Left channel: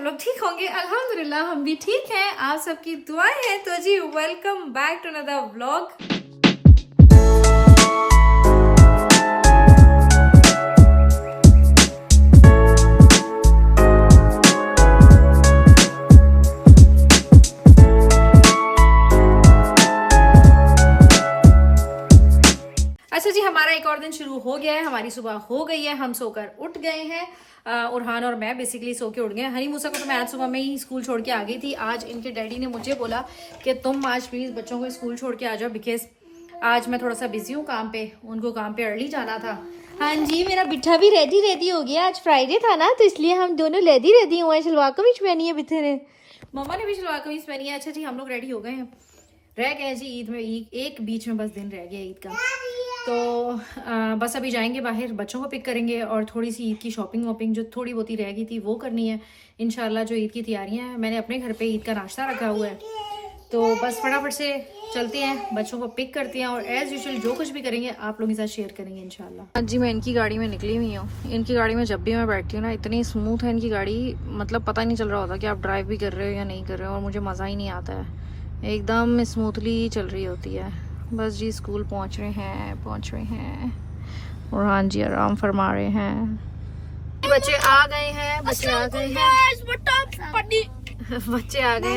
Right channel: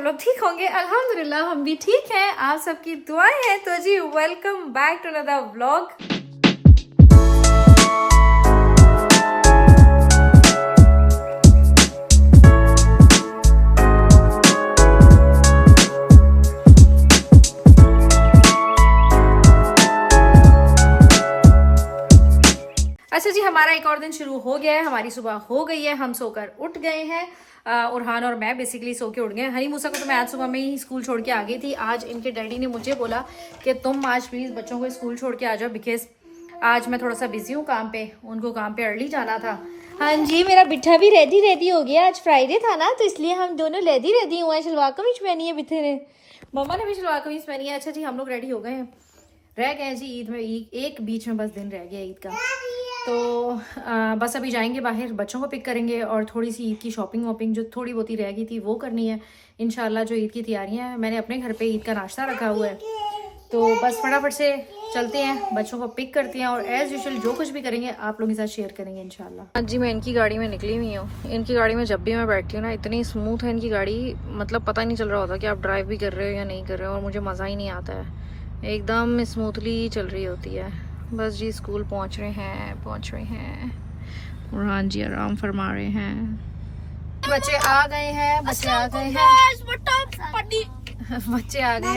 सब लोग ठीक होंगे। अल्हम्दुलिल्लाह हम भी ठीक हैं, आप सबकी दुआएं हैं। तो जी welcome back to another vlog. अच्छा जी, हमारा एक और दिन शुरू हो गया है, हमारी सुबह हो गई है, हम सोकर उठ गए हैं। उरहान और मैं बेसिकली सो के उठ गए हैं। हनी मूसा को तो मैं आज सुबह में ही स्कूल छोड़ के आ गई थी। आज इनके डैडी ने मुझे बोला कि तुम आज प्लीज़ बच्चों को स्कूल छोड़ के आ जाओ, बिकॉज आज मैं थोड़ा सा बिजी हूँ काम पे, उनको काम पे अर्ली जाना था। हाँ जी, मेरा बिट्ठा भी रेडी हो गया। आज फ्राइडे था ना, तो इसलिए हम दोनों रेडी हुए हैं। शलवार कमीज पहनी है बिट्ठे ने, मम्मा ने भी शलवार कमीज पहनी है। अच्छा जी, हम लोग रेडी हो गए हैं। रह गए जी ईद में, एक बीच में बस दिन रह गया ईद का। तो बस अभी जाएंगे बाहर, बच्चों को पिक करेंगे और थोड़ी सी ईद की शॉपिंग वॉपिंग जो थोड़ी बहुत ही रह गई थी वो करनी है इंशाल्लाह। जो ईद की तैयारियां हैं, मैंने अपने घर पे ईद का नाश्ता रखा हुआ है, तो बस फटाफट से चलते हैं, बच्चों को पिक करते हैं और एज़ यूजुअल जो कुछ भी करेंगे आप लोगों के साथ शेयर करेंगे इंशाल्लाह। हाँ जी, मैं इनकी गाड़ी में निकली हुई हूँ। इनकी गाड़ी में जब भी मैं बैठती हूँ ना, इतनी स्मूथ है इनकी गाड़ी, मतलब पता ही नहीं चल रहा होता कि आप ड्राइव भी कर रहे हो या नहीं कर रहे हो, और मुझे मज़ा ही नहीं आता है, एकदम स्मूथली चल रही होती है। बस जी स्कूल पहुंच रहे हैं और हाँ जी आराम फरमा रहे हैं। बच्चे आ गए हैं, बच्चे आ गए हैं।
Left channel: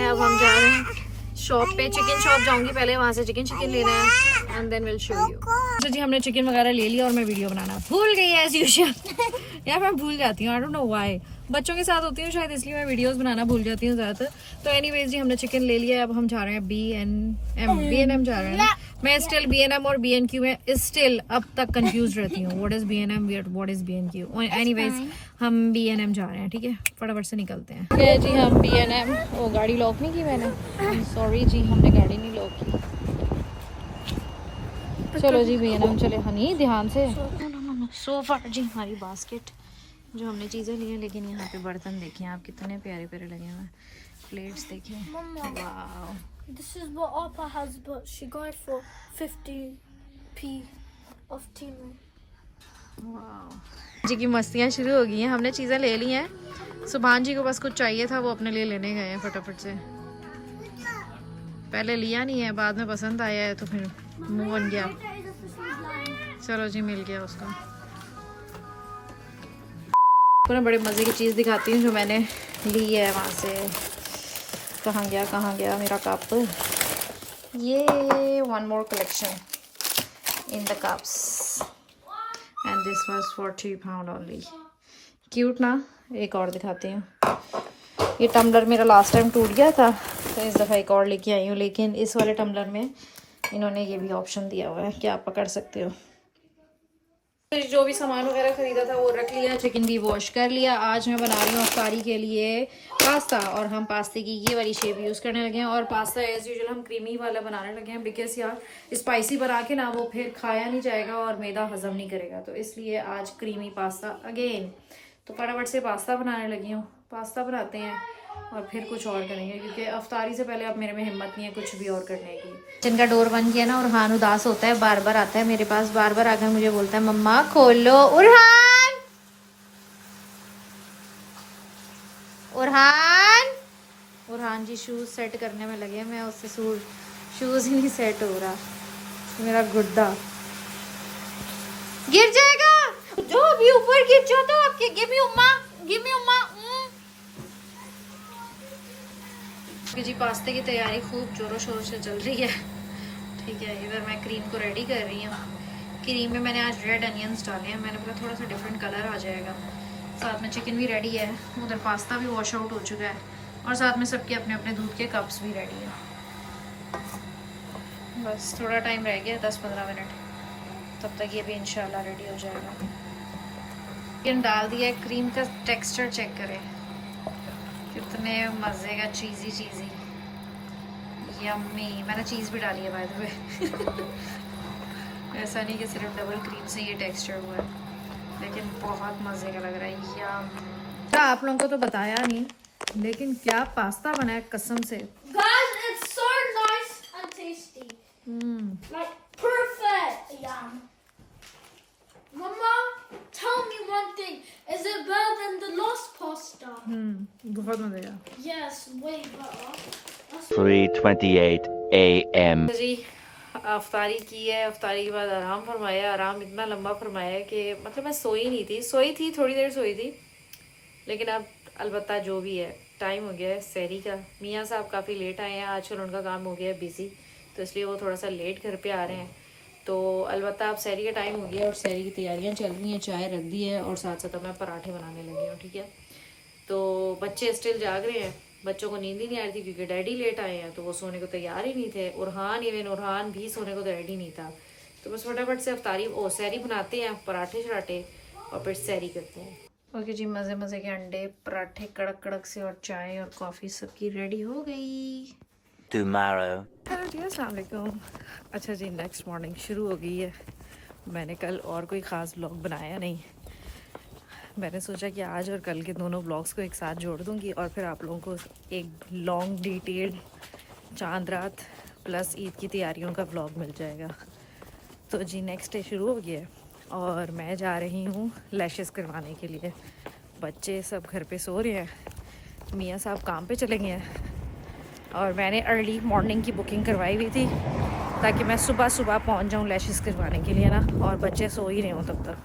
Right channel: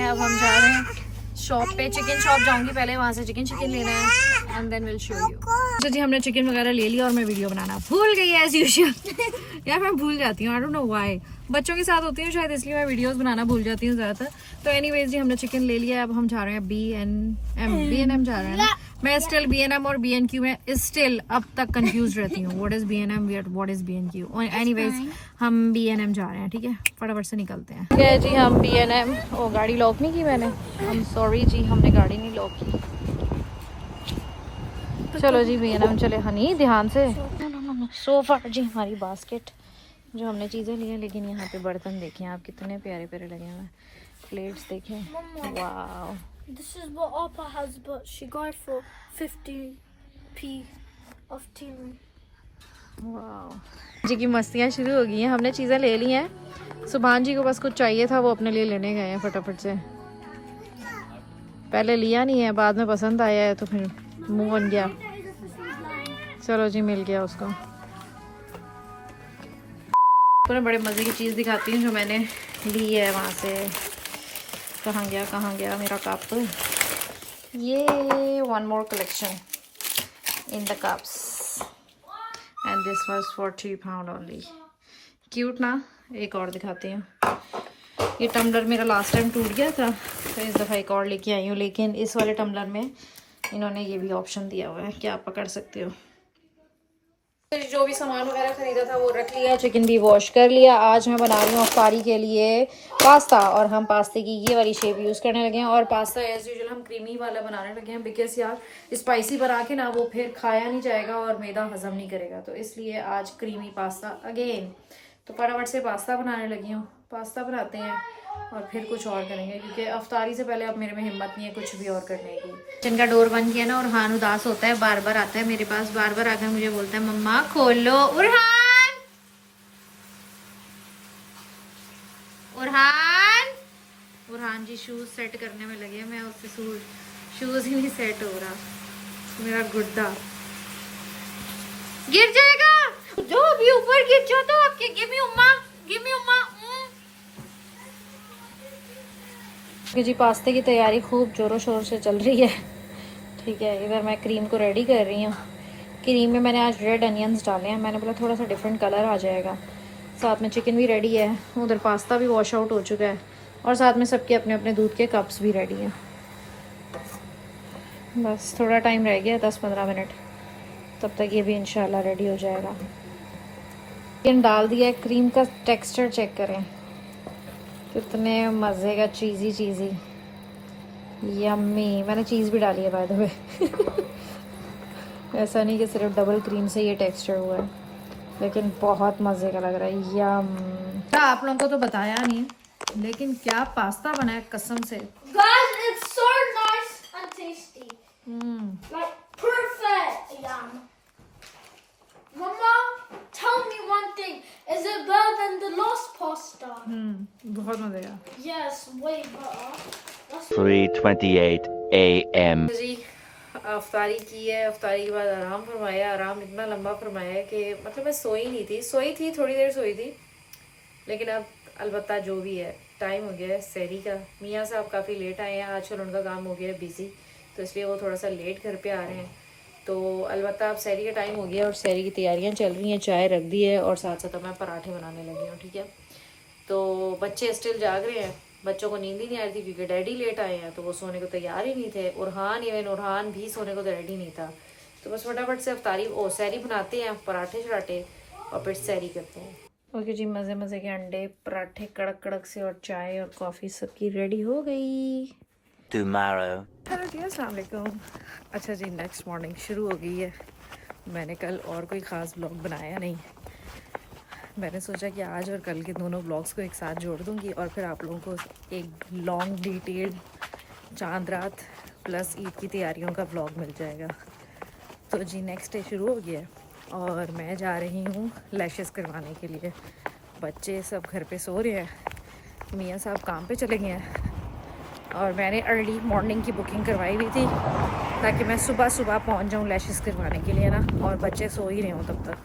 अब हम जा रहे हैं शॉप पे, चिकन शॉप जाऊंगी पहले, वहां से चिकन लेना है and then will show you. तो जी हमने चिकन वगैरह ले लिया और मैं वीडियो बनाना भूल गई एज यूजुअल। यार मैं भूल जाती हूँ, आई डोंट नो व्हाई, बच्चों के साथ होती हूँ शायद, इसलिए मैं वीडियोस बनाना भूल जाती हूँ ज़्यादातर। तो एनीवेज जी हमने चिकन ले लिया है, अब हम जा रहे हैं B&M जा रहे हैं ना। मैं स्टिल B&M और B&Q में स्टिल अब तक कंफ्यूज रहती हूँ, what is B&M, what is B&Q। Anyways हम B&M जा रहे हैं, ठीक है, फटाफट से निकलते हैं। ठीक है जी, हम B&M, ओ गाड़ी लॉक नहीं की मैंने, सॉरी जी, हमने गाड़ी नहीं लॉक की। चलो जी B&M चले। हनी ध्यान से, सो फार जी हमारी बास्केट जो हमने चीज़ें ली हैं, लेकिन यहाँ पे बर्तन देखें आप कितने प्यारे प्यारे लगे हैं, प्लेट्स देखें, wow. This is what Appa has, but she got it for 50p of tea. Wow जी की मस्तियाँ शुरू हो गई हैं। हमने चीज़ें ले ली हैं, सुभान जी को बस कुछ चाहिए था, वो अपने लिए लेने गए हैं फटाफट से। पहले लिया नहीं है, बाद में पसंद आया है तो फिर मुंह बन गया। चलो जी मिल गया उसको। तो मैं बड़े मज़े की चीज़ दिखाती हूँ जो मैंने ली है वहाँ से। कहाँ गया मेरा कप, ये one more collection in the cups and this was for £3 only. Cute ना। एक और दिखाती हूँ, ये टम्बलर मेरा लास्ट टाइम टूट गया था, तो इस दफ़ा एक और लेके आई हूँ, लेकिन इस वाले टम्बलर में इन्होंने ये भी ऑप्शन दिया हुआ है कि आप पकड़ सकते हो। जो भी सामान वगैरह खरीदा था वो रख लिया, चिकन भी वॉश कर लिया। आज मैं बना रही हूँ अफ्तारी के लिए पास्ता, और हम पास्ते की ये वाली शेप यूज़ करने लगे हैं, और पास्ता एज यूजुअल हम क्रीमी वाला बनाने लगे हैं, बिकॉज यार स्पाइसी बना के ना वो फिर खाया नहीं जाएगा और मैदा हजम नहीं करेगा, तो इसलिए आज क्रीमी पास्ता अगेन। तो फटाफट से पास्ता बनाने लगी हूँ, पास्ता बनाते हैं और फिर कुछ और करेंगे, क्योंकि अफ्तारी से पहले अब मेरे में हिम्मत नहीं है कुछ भी और करने की। किचन का डोर बन गया ना, और हान उदास होता है, बार बार आता है मेरे पास, बार बार आकर मुझे बोलता है मम्मा खोलो। उरहान जी शूज सेट करने में लगे, मैं उससे शूज ही नहीं सेट हो रहा, मेरा गुड्डा गिर जाएगा। जो अभी ऊपर गिर जाता है आपके, गिव मी उम्मा। जी पास्ते की तैयारी खूब जोरों शोर से चल रही है, ठीक है। इधर मैं क्रीम को रेडी कर रही हूँ। क्रीम में मैंने आज रेड अनियंस डाले हैं, मैंने बोला थोड़ा सा डिफरेंट कलर आ जाएगा। साथ में चिकन भी रेडी है, उधर पास्ता भी वॉश आउट हो चुका है, और साथ में सबके अपने अपने दूध के कप्स भी रेडी हैं। बस थोड़ा टाइम रह गया, 10-15 मिनट, तब तक ये भी इंशाल्लाह रेडी हो जाएगा। चिकन डाल दिया है, क्रीम का टेक्सचर चेक करें, कितने मज़े का चीज़ी यम्मी। मैंने चीज़ भी डाली है बाय द वे। ऐसा नहीं कि सिर्फ डबल क्रीम से ये टेक्सचर हुआ है, लेकिन बहुत मज़े का लग रहा है, यम। आप लोगों को तो बताया नहीं, लेकिन क्या पास्ता बना है कसम से। Guys, it's so nice and tasty. Like perfect. Yum. Mama, tell me one thing. Is it better than the last pasta? बहुत मजे का Yes, way better. That's 3:28 a.m. जी। अफ्तारी की है, अफ्तारी के बाद आराम फरमाया। आराम इतना लंबा फरमाया कि मतलब मैं सोई नहीं थी, सोई थी थोड़ी देर सोई थी, लेकिन अब अलबत्ता जो भी है टाइम हो गया है सहरी का। मियाँ साहब काफ़ी लेट आए हैं, आजकल उनका काम हो गया है बिज़ी, तो इसलिए वो थोड़ा सा लेट घर पे आ रहे हैं। तो अलबत्ता अब सहरी का टाइम हो गया और सहरी की तैयारियां चल रही हैं। चाय रख दी है और साथ साथ मैं पराठे बनाने लगी हूँ, ठीक है। तो बच्चे स्टिल जाग रहे हैं, बच्चों को नींद ही नहीं आ रही थी क्योंकि डैडी लेट आए हैं, तो वो सोने को तैयार ही नहीं थे। उरहान भी सोने को रेडी नहीं था। तो बस फटाफट से अफ्तारी सहरी बनाते हैं, पराठे शराठे और फिर सहरी करते हैं। ओके जी, मज़े मज़े के अंडे पराठे कड़क कड़क से और चाय और कॉफ़ी सबकी रेडी हो गई। Tomorrow. हेलो जी, अस्सलाम वालेकुम। अच्छा जी, नेक्स्ट मॉर्निंग शुरू हो गई है। मैंने कल और कोई ख़ास ब्लॉग बनाया नहीं, मैंने सोचा कि आज और कल के दोनों ब्लॉग्स को एक साथ जोड़ दूंगी और फिर आप लोगों को एक लॉन्ग डिटेल्ड चांद रात प्लस ईद की तैयारियों का ब्लॉग मिल जाएगा। तो जी नेक्स्ट डे शुरू हो गया है और मैं जा रही हूँ लैशेस करवाने के लिए। बच्चे सब घर पे सो रहे हैं, मियाँ साहब काम पे चले गए हैं और मैंने अर्ली मॉर्निंग की बुकिंग करवाई हुई थी ताकि मैं सुबह सुबह पहुँच जाऊँ लैशेस करवाने के लिए ना, और बच्चे सो ही रहे हों तब तक।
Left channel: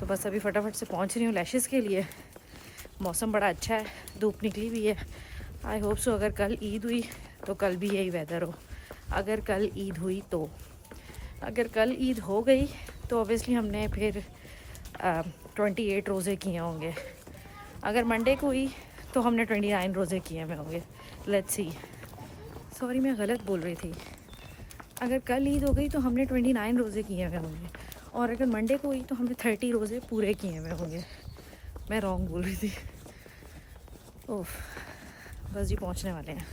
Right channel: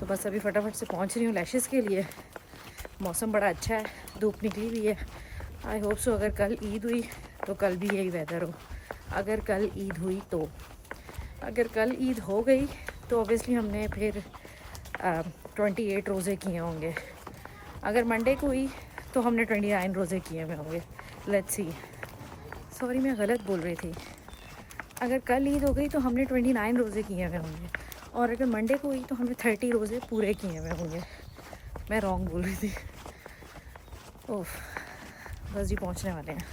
तो बस अभी फटाफट से पहुंच रही हूँ लैशेस के लिए। मौसम बड़ा अच्छा है, धूप निकली हुई है। आई होप सो अगर कल ईद हुई तो कल भी यही वेदर हो। अगर कल ईद हुई तो, अगर कल ईद हो गई तो ऑब्वियसली हमने फिर 28 रोज़े किए होंगे। अगर मंडे को हुई तो हमने 29 रोज़े किए हुए होंगे। लेट्स सी, सॉरी मैं गलत बोल रही थी। अगर कल ईद हो गई तो हमने 29 रोज़े किए हुए होंगे और अगर मंडे को हुई तो हमने 30 रोज़े पूरे किए हुए होंगे। मैं रॉन्ग बोल रही थी। ओह, बस जी पहुंचने वाले हैं।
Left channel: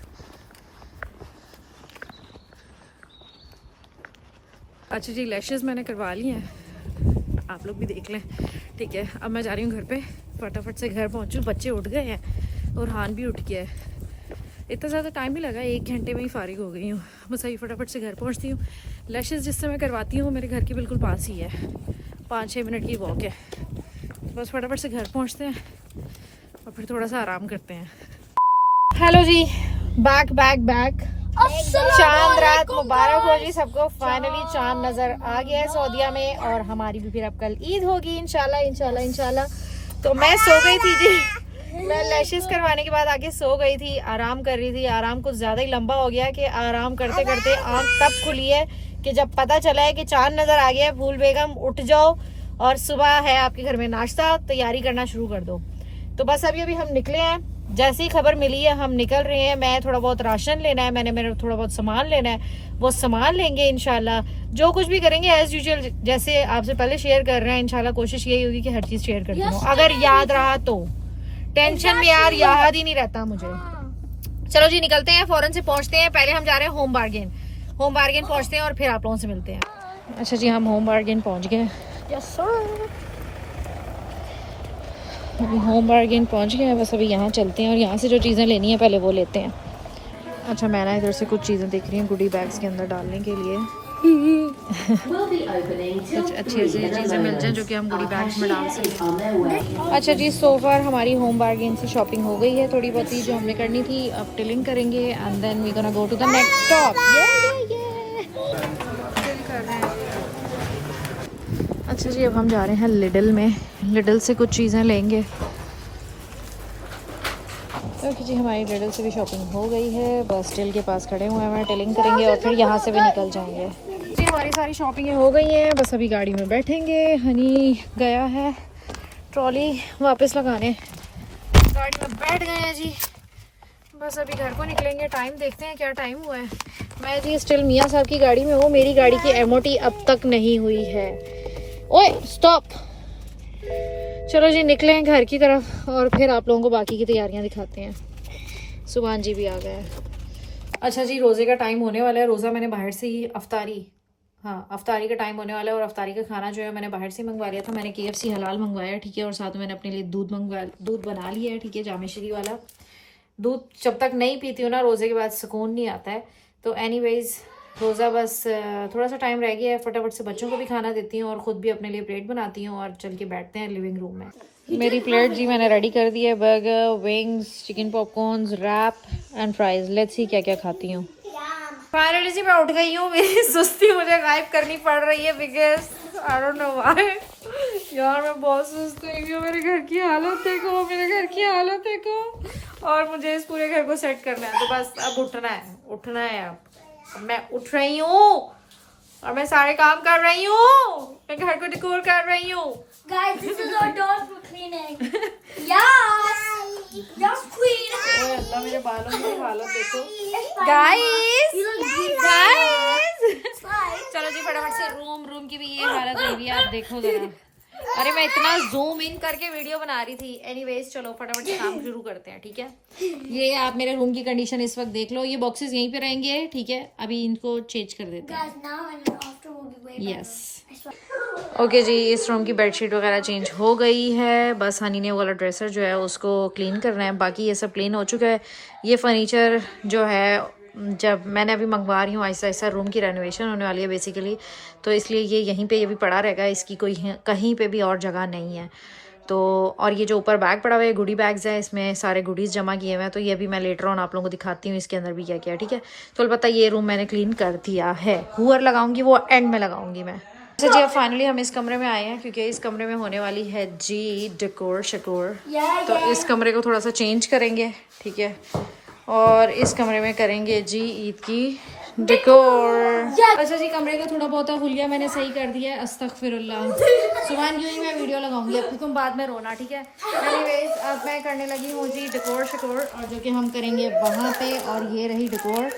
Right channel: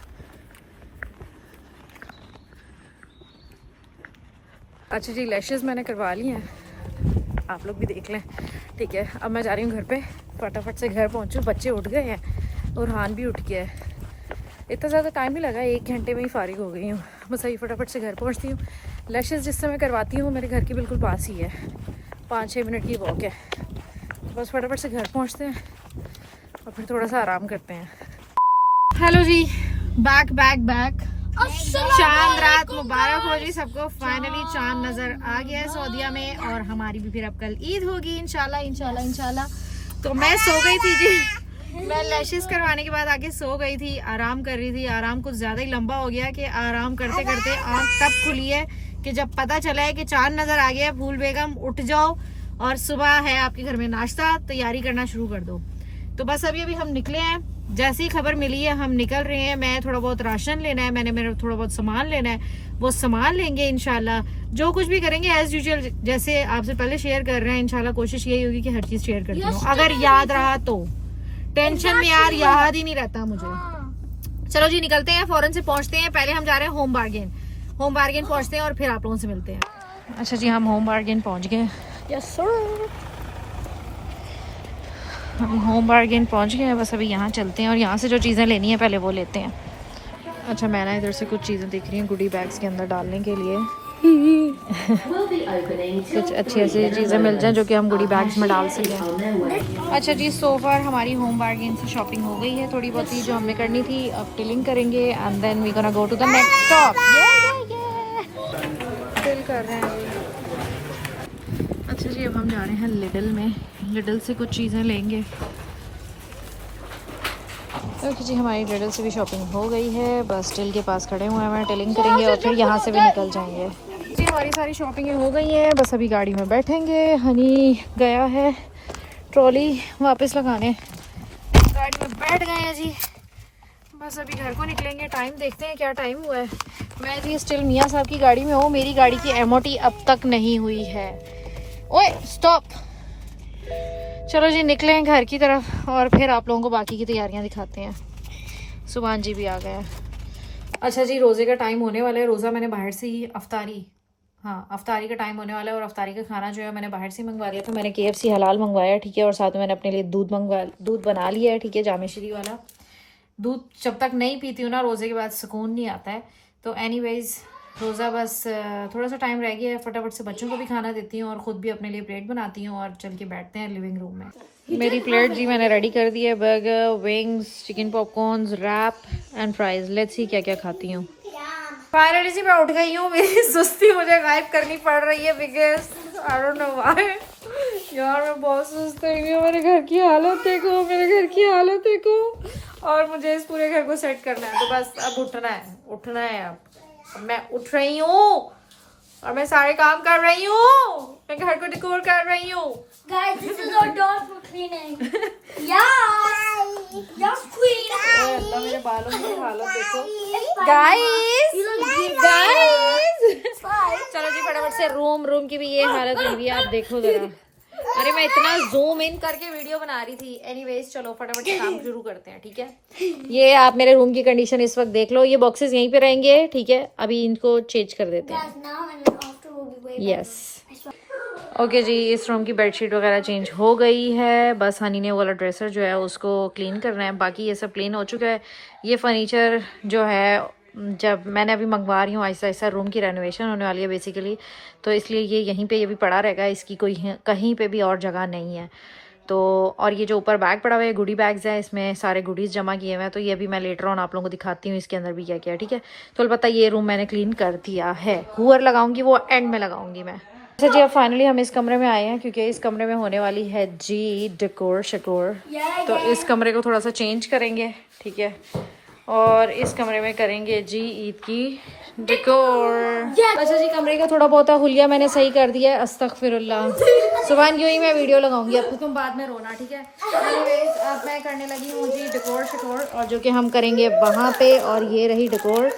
अच्छा जी, लैशेस मैंने करवा ली हैं, आप लोग भी देख लें, ठीक है। अब मैं जा रही हूँ घर पे, फटाफट से घर पहुँचूँ। बच्चे उठ गए हैं और हान भी उठ गया है। इतना ज़्यादा टाइम नहीं लगा, 1 घंटे में ही फारिग हो गई हूँ। बस अभी फटाफट से घर पहुँचती हूँ। लैशेस जिस समय करवाती हूँ मेरे घर के बिल्कुल पास ही है, 5-6 मिनट की वॉक है। तो बस फटाफट से घर पहुँचते हैं और फिर थोड़ा सा आराम करते हैं। हेलो जी, बैक चांद रात मुबारक हो जी सबको। फाइनली चांद नज़र आ गया है सऊदीया में और हमारी भी फिर अब कल ईद होगी इंशाल्लाह। तो मैं सो गई थी जी, मैं लैशेस करवाने के बाद आके सो गई थी, आराम कर रही थी। आराम कुछ ज़्यादा ही लंबा हो गया कि आराम करते करते आँख तब खुली है कि जब पता चला है कि चांद नज़र आ गया है। फूल बेगम उठ जाओ और सुबह है आपके घर में नाश्ता, तैयारी करना शुरू कर दो। तो बस अभी हम निकले हैं, जैसे ही खबर मिली है हम निकल रहे हैं। मैं थोड़ा बहुत राशन लेना है, मैंने मेरा थोड़ा बहुत सामान लेना है, वो सामान लेंगे इंशाल्लाह। जो कुछ भी करेंगे एज यूजुअल जैसे आपसे पहले शेयर कर रहे हैं, इंशाल्लाह कोशिश यही होगी कि हर चीज़ शेयर करती हूँ अगर याद रहा तो। टेंशन में यार याद ही नहीं रहता मुझे। चलो जी निकलते हैं, फौरन से पहुंचते हैं। पहले हम जा रहे हैं होम बार्गेन पहुंचते हैं और फिर आप लोगों से मिलते हैं। अच्छा जी, हम होम बार्गेन पहुंच गए। यस सर, हम होम बार्गेन पहुंच गए हैं। बस अभी यहाँ चलते हैं और यहाँ से जो चीज़ें लेनी है पहले वो लेते हैं। अच्छा, मैं ना इधर से कुछ चीज़ें देख रही हूँ गुडी बैग्स के अंदर डालने के लिए। कुछ अच्छी अच्छी चीज़ें मिल जाएं जो कि हम गुडी बैग्स में डाल सकें। अच्छा जी, सो फार हमारी होम बार्गेन से शॉपिंग हो गई है थोड़ी बहुत ही जो हमें करनी थी। अब टिलिंग करेंगे and then we gonna go to the next stop. Till कर रहे हैं जी। अच्छा जी, अब हम जा रहे हैं लिडल में, लिडल से कुछ चीज़ें लेंगे। ओके जी, हमारी लिडल से भी शॉपिंग हो गई है। बस टिल के पास खड़े हुए हैं, टिलिंग करेंगे और फिर यहाँ से भी निकल जाएंगे जी। हमारी सारी शॉपिंग हो गई है, बस अभी गाड़ी में बैठेंगे। हनी गया है ट्रॉली वापस लगाने, गाड़ी में बैठ गए हैं जी। बस अभी घर को निकलेंगे, टाइम देखते हैं क्या टाइम हुआ है। मैं जी स्टिल मियाँ साहब की गाड़ी में हूँ, मेरी गाड़ी की MOT अब तक नहीं हुई है। ओए स्टॉप। चलो जी निकले हैं घर की तरफ और फिर आप लोगों को बाकी की तैयारियां दिखाते हैं। सुभान जी भी आ गए हैं। अच्छा जी, रोज़े का टाइम होने वाला है। रोज़ा मैंने बाहर से ही अफ्तारी का टाइम होने वाला है और अफ्तारी का खाना जो है मैंने बाहर से मंगवा लिया। तो मैंने KFC हलाल मंगवाया, ठीक है, और साथ में मैंने अपने लिए दूध बना लिया है, ठीक है, जामेश्री वाला दूध। जब तक नहीं पीती हूँ ना रोज़े के बाद सुकून नहीं आता है। तो एनीवेज रोज़ा बस थोड़ा सा टाइम रह गया है, फटाफट से बच्चों को भी खाना देती हूँ और ख़ुद भी अपने लिए प्लेट बनाती हूँ और चल के बैठते हैं लिविंग रूम में। मेरी प्लेट जी मैंने रेडी कर दी है। Burger, wings, chicken popcorns, wrap and fries. Let's see क्या क्या खाती हूँ। फाइनली जी मैं उठ गई हूँ। मेरी सुस्ती मुझे गायब करनी पड़ रही है because I don't know why. यार मैं बहुत सुस्त हुई हूँ। मेरे घर की हालत देखो, मेरे घर की हालत देखो। और मुझे इस पूरे घर को सेट करना है, तो बस अब उठना है अब मैं उठ रही हूँ और मैं सारे काम कर रही हूँ। मैं घर को डेकोर कर रही हूँ। Guys, this is our dog for cleaning. Yes! Yes, queen! ओए अल्लाह, मेरे बालों की हालत देखो It's fine. Guys. You look good. Guys It's fine. चलो जी फटाफट से रूम की भी ये हालत हुई है। आप देखो जरा। अरे मैं इतना जूम इन करके वीडियो बना रही थी। एनीवेज चलो फटाफट से काम शुरू करते हैं, ठीक है। ये आप मेरे रूम की कंडीशन इस वक्त देख लो। ये बॉक्सेस यहीं पे रहेंगे, ठीक है। अभी इनको चेंज कर देते हैं। Guys, now and then after will be way better. Yes okay जी, इस रूम की बेडशीट वगैरह चेंज हो गई है। बस हनी ने वो वाला ड्रेसर जो है उसको क्लीन करना है। बाकी ये सब क्लीन हो चुका है। ये फर्नीचर जो है जब मैंने अभी मंगवा रही हूँ आहिस्ता आहिस्ता, रूम की रेनोवेशन होने वाली है बेसिकली, तो इसलिए ये यहीं पे ये भी पड़ा रहेगा। इसकी कोई कहीं पे भी और जगह नहीं है। तो और ये जो ऊपर बैग पड़ा हुआ है गुडी बैग्स है, इसमें सारे गुडीज़ जमा किए हुए हैं। तो ये भी मैं लेटर ऑन आप लोगों को दिखाती हूँ इसके अंदर भी क्या क्या है, ठीक है। तो अलबत्ता ये रूम मैंने क्लीन कर दिया है। हुअर लगाऊंगी वो एंड में लगाऊंगी मैं। अच्छा जी अब फाइनली हम इस कमरे में आए हैं क्योंकि इस कमरे में होने वाली है जी डेकोर शकोर। तो इस कमरे को थोड़ा सा चेंज करेंगे, ठीक है। और इस कमरे में करेंगे जी ईद की डेकोर। अच्छा जी कमरे का थोड़ा बहुत हुलिया मैंने सही कर दिया है। अस्तगफिरुल्लाह। सुबह यूँ ही मैं वीडियो लगाऊंगी, अब तो तुम बाद में रोना, ठीक है। एनीवेज अब मैं करने लगी हूँ जी डेकोर शकोर, और जो कि हम करेंगे वहाँ पे। और ये रही डेकोर।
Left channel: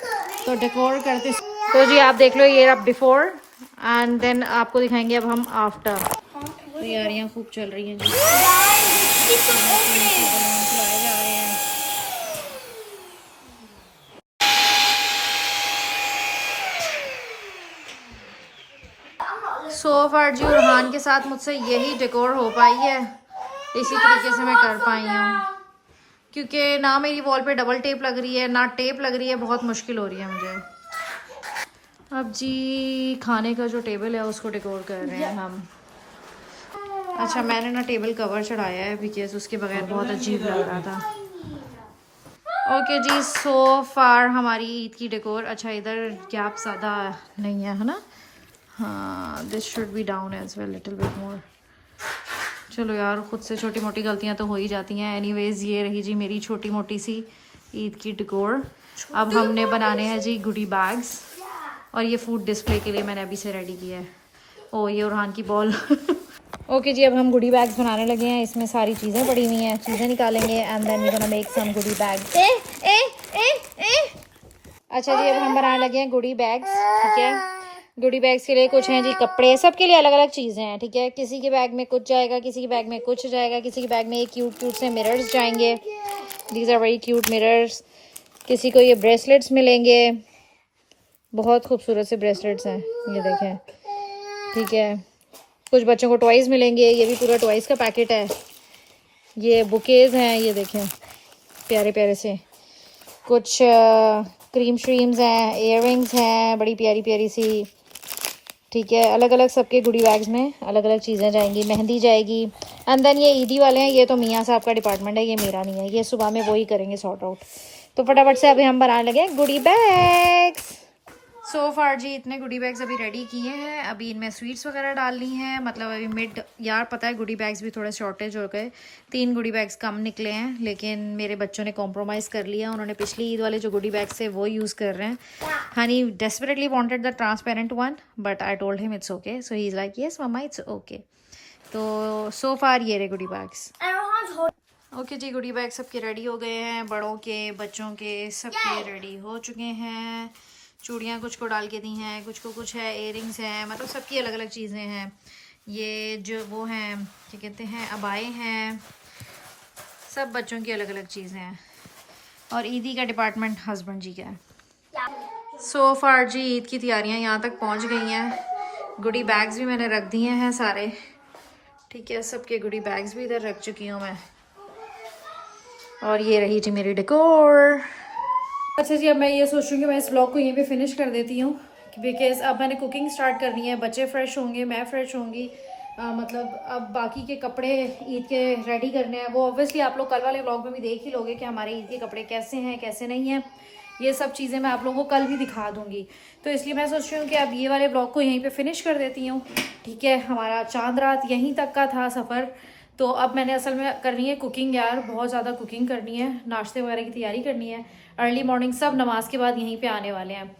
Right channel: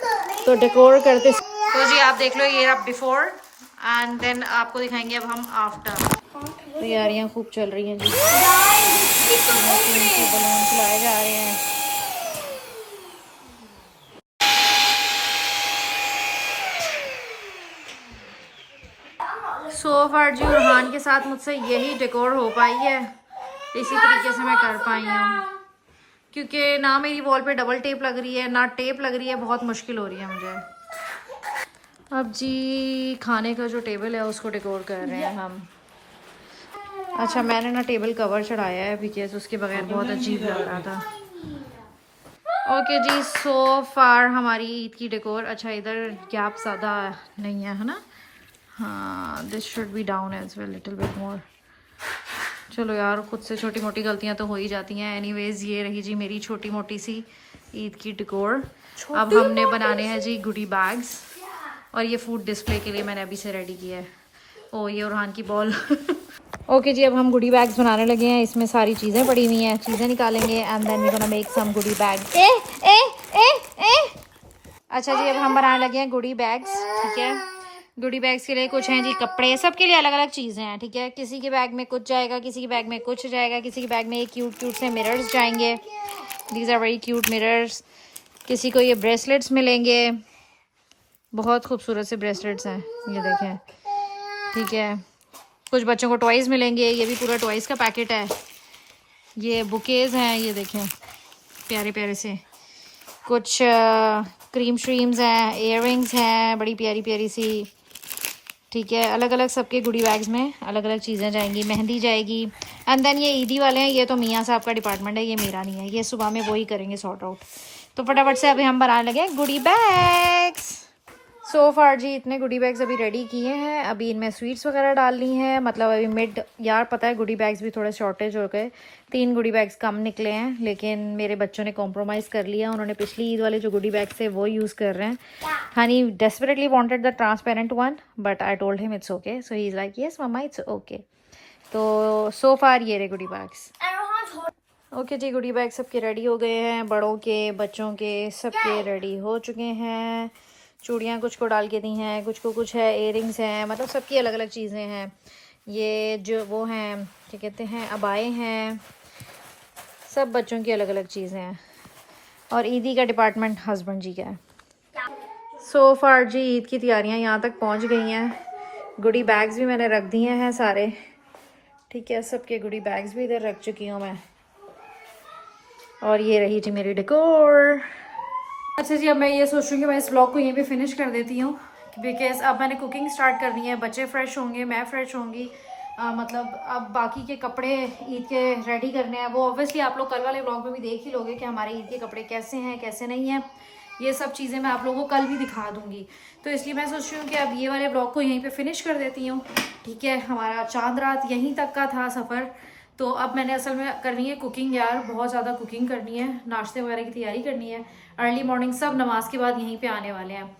तो डेकोर करते तो जी आप देख लो ये अब बिफोर एंड देन आपको दिखाएंगे अब हम आफ्टर। तैयारियाँ खूब चल रही हैं जी। खिलाए जा रहे हैं। सो फार जी उरहान के साथ मुझसे यही डेकोर हो पाई है। इसी तरीके से मैं कर पाई हूँ क्योंकि ना मेरी वॉल पे डबल टेप लग रही है ना टेप लग रही है। बहुत मुश्किल हो रही है मुझे। अब जी खाने का जो टेबल है उसको डेकोर कर रहे हैं हम। अच्छा मैंने ना टेबल कवर चढ़ाया है बिकॉज उसके बगैर बहुत अजीब लग रहा था। ओके जी सो फार हमारी ईद की डेकोर। अच्छा इधर गैप ज़्यादा नहीं है ना। हाँ this should be down as well little bit more. चलो यार खुद से छोटी मोटी गलतियाँ तो हो ही जाती हैं। एनीवेज ये रही जी मेरी छोटी मोटी सी ईद की डेकोर। अब हमने बनाने हैं जी गुडी बैग्स और ये फूड डिस्प्ले के लिए मैंने अभी से रेडी किया है। ओ ये उरहान की बॉल। ओके जी अब हम गुडी बैग्स बनाने लगे हैं। इसमें सारी चीज़ें पड़ी हुई हैं, चीज़ें निकालेंगे and then we gonna make some goody bags. अच्छा जी अब हम बनाने लगे हैं गुडी बैग्स, ठीक है। गुडी बैग्स के लिए कुछ हैं जी कपड़े, सबके लिए अलग अलग चीज़ें हैं, ठीक है। किसी के बैग में कुछ जाएगा, किसी के बैग में कुछ जाएगा, किसी के बैग में ये क्यूट क्यूट से मिरर्स जाएंगे। These are very cute mirrors. किसी को ये ब्रेसलेट्स मिलेंगे, बहुत खूबसूरत से ब्रेसलेट्स हैं, ये देखें, ठीक है। कुछ बच्चों को टॉयज़ मिलेंगे, ये भी पूरा टॉयज़ का पैकेट है। ये बुकेज़ हैं, ये देखें प्यारे प्यारे से। कुछ क्रीम श्रीम्स हैं, इयररिंग्स हैं बड़ी प्यारी प्यारी सी, ठीक है। अलग अलग सबके गुडी बैग्स में अलग अलग चीज़ें जाएंगी। मेहंदी जाएगी एंड देन ये ईदी वाले हैं, ये तो मियाँ साहब का डिपार्टमेंट है, ये मेरा नहीं है, ये सुबह में वो ही करेंगे सॉर्ट आउट। तो फटाफट से अभी हम बनाने लगे गुडी बैग्स। सो फार जी इतने गुडी बैग्स अभी रेडी किए हैं। अभी इनमें स्वीट्स वगैरह डालनी है, मतलब अभी मिड यार पता है गुडी बैग्स भी थोड़े शॉर्टेज हो गए। 3 गुडी बैग्स कम निकले हैं लेकिन मेरे बच्चों ने कॉम्प्रोमाइज़ कर लिया। उन्होंने पिछली ईद वाले जो गुडी बैग्स थे वो यूज़ कर रहे हैं। Honey desperately wanted the transparent one but I told him it's okay, so he is like yes mamma it's okay. तो सो फार ये रहे गुडी बैग्स। ओके जी गुडी बैग सबके रेडी हो गए हैं, बड़ों के बच्चों के सबके रेडी हो चुके हैं। चूड़ियाँ कुछ को डाल के दी हैं, कुछ को कुछ है, इयररिंग्स हैं, मतलब सबकी अलग अलग चीज़ें हैं। ये जो वो हैं क्या कहते हैं अबाए हैं, सब बच्चों की अलग अलग चीज़ें हैं। और ईदी का डिपार्टमेंट हस्बैंड जी का है। सो फार जी ईद की तैयारियाँ यहाँ तक पहुँच गई हैं। गुडी बैग्स भी मैंने रख दिए हैं सारे, ठीक है। सबके गुडी बैग्स भी इधर रख चुकी हूँ मैं। और ये रही जी मेरी डेकोर। अच्छा जी अब मैं ये सोच रही हूँ कि मैं इस ब्लॉग को यहीं पे फिनिश कर देती हूँ बिकॉज अब मैंने कुकिंग स्टार्ट करनी है। बच्चे फ्रेश होंगे, मैं फ्रेश होंगी, मतलब अब बाकी के कपड़े ईद के रेडी करने हैं। वो ऑब्वियसली आप लोग कल वाले व्लॉग में भी देख ही लोगे कि हमारे ईद के कपड़े कैसे हैं कैसे नहीं हैं। ये सब चीज़ें मैं आप लोगों को कल भी दिखा दूंगी। तो इसलिए मैं सोच रही हूँ कि अब ये वाले व्लॉग को यहीं पे फिनिश कर देती हूँ। ठीक है, हमारा चांद रात यहीं तक का था सफ़र। तो अब मैंने असल में करनी है कुकिंग यार, बहुत ज़्यादा कुकिंग करनी है, नाश्ते वगैरह की तैयारी करनी है। अर्ली मॉर्निंग सब नमाज के बाद यहीं पे आने वाले हैं।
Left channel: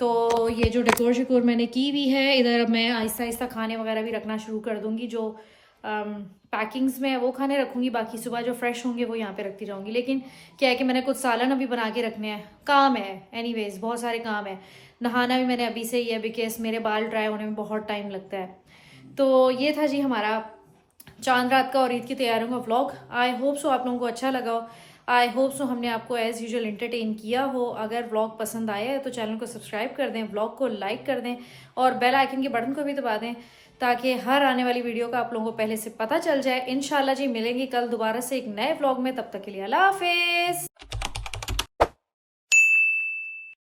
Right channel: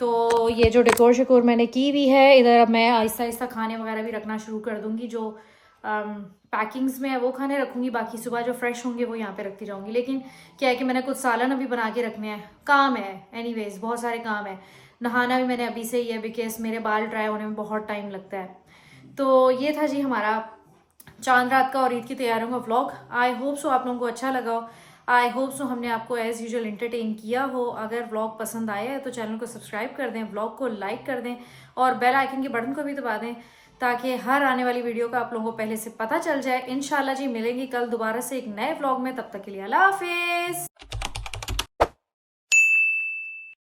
तो ये जो डेकोर शेकोर मैंने की हुई है इधर, अब मैं आहिस्ता आहिस्ता खाने वगैरह भी रखना शुरू कर दूँगी। जो पैकिंग्स में है वो खाने रखूँगी, बाकी सुबह जो फ्रेश होंगे वो यहाँ पे रखती जाऊँगी। लेकिन क्या है कि मैंने कुछ सालन अभी बना के रखने हैं, काम है एनीवेज, बहुत सारे काम है। नहाना भी मैंने अभी से ही है बिकॉज मेरे बाल ड्राई होने में बहुत टाइम लगता है। तो ये था जी हमारा चांद रात का और ईद की तैयारियों का व्लॉग। आई होप सो आप लोगों को अच्छा लगा हो। आई होप सो हमने आपको एज़ यूजुअल एंटरटेन किया हो। अगर व्लॉग पसंद आया है तो चैनल को सब्सक्राइब कर दें, व्लॉग को लाइक कर दें और बेल आइकन के बटन को भी दबा दें ताकि हर आने वाली वीडियो का आप लोगों को पहले से पता चल जाए। इंशाल्लाह जी मिलेंगे कल दोबारा से एक नए व्लॉग में, तब तक के लिए अल्लाह हाफिज़।